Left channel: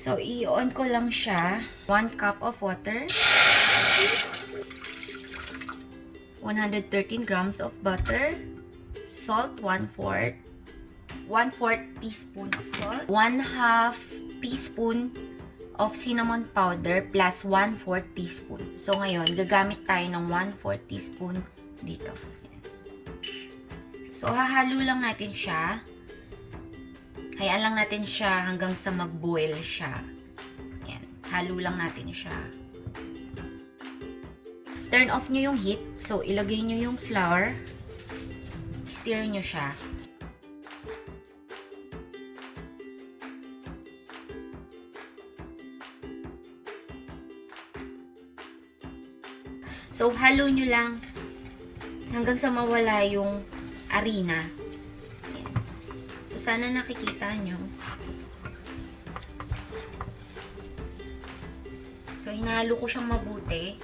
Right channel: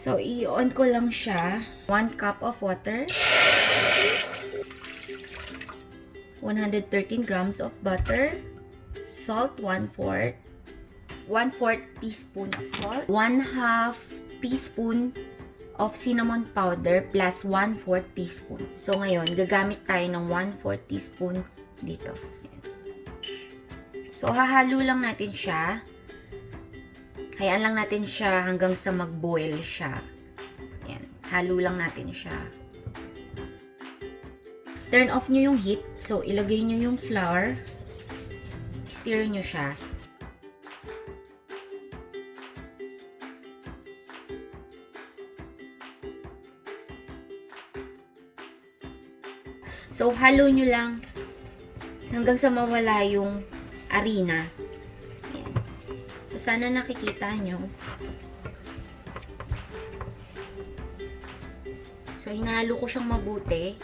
So, i-on ko lang siya. 1 cup of water. 113 grams of butter. Salt, 1/4. 1/4 teaspoon of salt. 1/2 teaspoon of cinnamon powder plus 1/4 teaspoon. So, ngayon, gagamit tayo ng 1/4 teaspoon dito. Ayan. So, hahalo lang natin siya. Hayaan lang natin siya hanggang sa mag-boil siya. Ayan. Halo lang natin siya. Turn off nyo yung heat. So, ilagay nyo yung flour. Stir nyo siya. So, halo nyo lang hanggang sa mawala yung harina. Ayan. So, sana nakikita nyo. So, hinahalo ko siyang mabuti.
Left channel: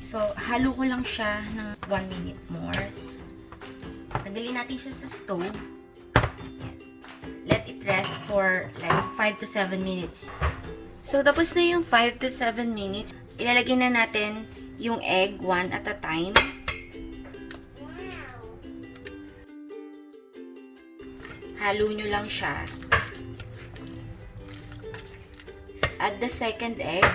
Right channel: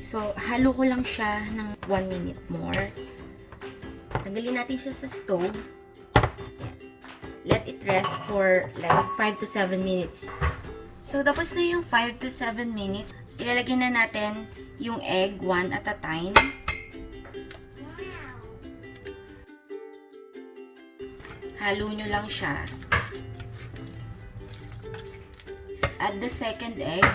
So, halo ko lang siya ng 1 minute more. Tanggalin natin siya sa stove. Ayan. Let it rest for like 5 to 7 minutes. So, tapos na yung 5 to 7 minutes. Ilalagay na natin yung egg one at a time. Halo nyo lang siya. Add the second egg.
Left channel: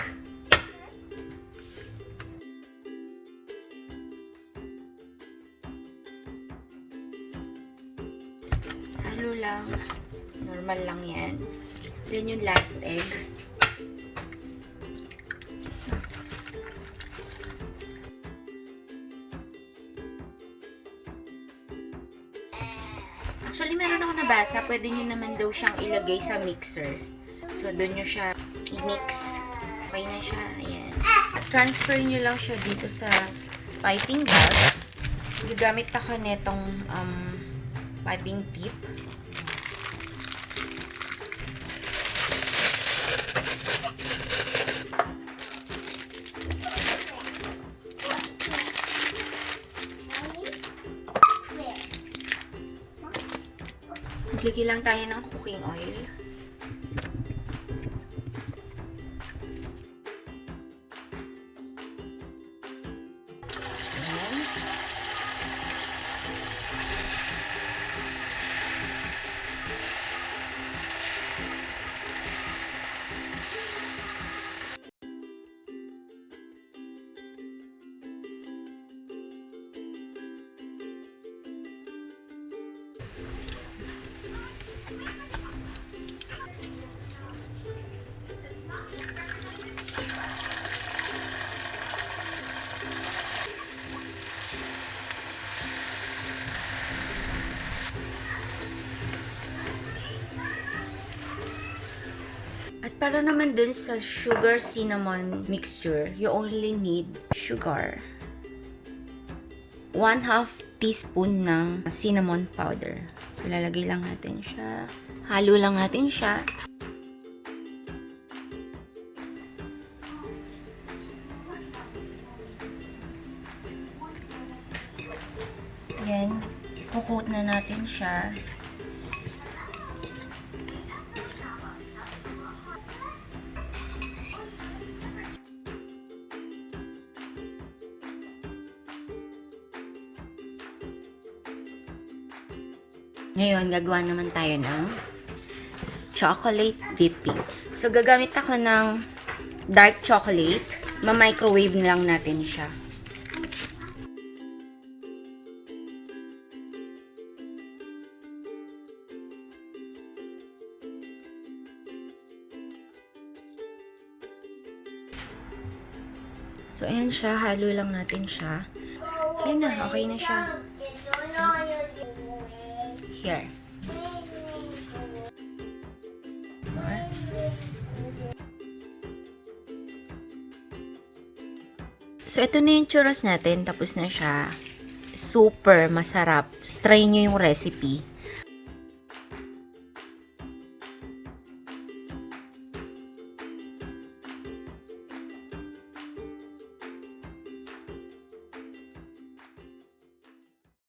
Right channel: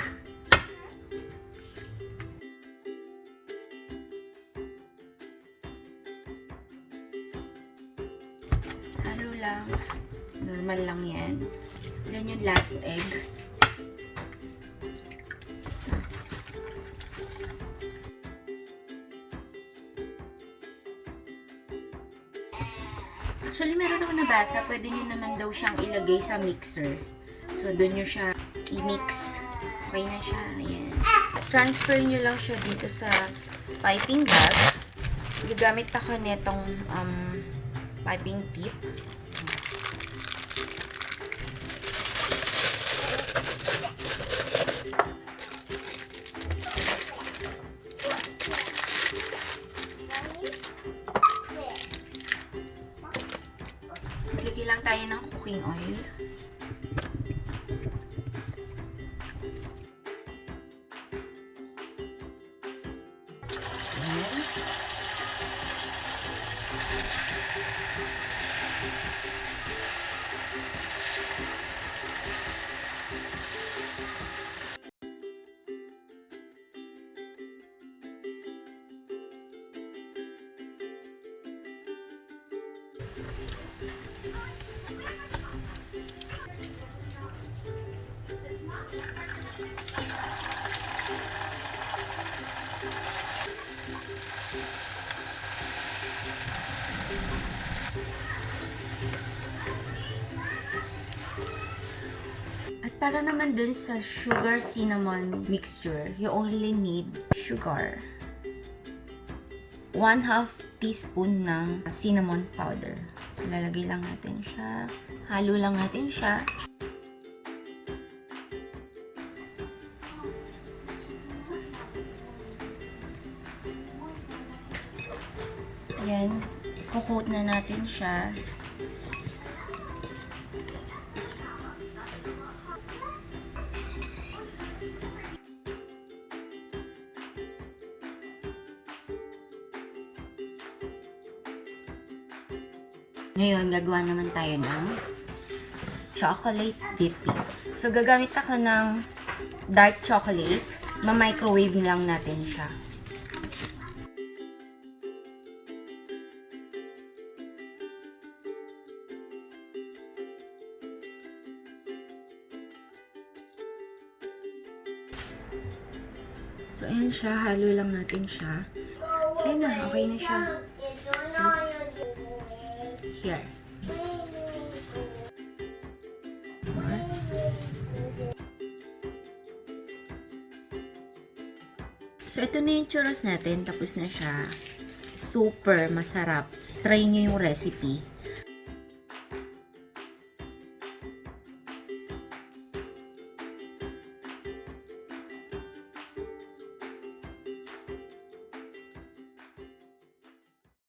Halo lang. Normal lang yan. Then yung last egg. Actually, meron ako nabasa, pwede nyo naman daw siyang ilagay sa mixer. So, doon nyo siya i-mix. Okay na siya. Ayan. At transfer nyo lang siya dito sa piping bag. Gagamit ako netong piping tip. Maglagay lang tayo ng cooking oil. Ayan. At para naman dun sa sugar cinnamon mixture, you only need sugar. 1/2 teaspoon ng cinnamon powder. So, lalagay lang natin siya. Halo lang natin siya. Yan. Coat na natin siya. Ngayon, gagawa naman tayo ng chocolate dipping. So, gagamit ako ng dark chocolate. Ma-microwave lang natin siya. So, ayan siya. Halo lang natin siya. Ayan na. Okay na siya. See? Here. So, ito na yung churros natin. Tapos na siya. Super masarap. Try nyo yung recipe.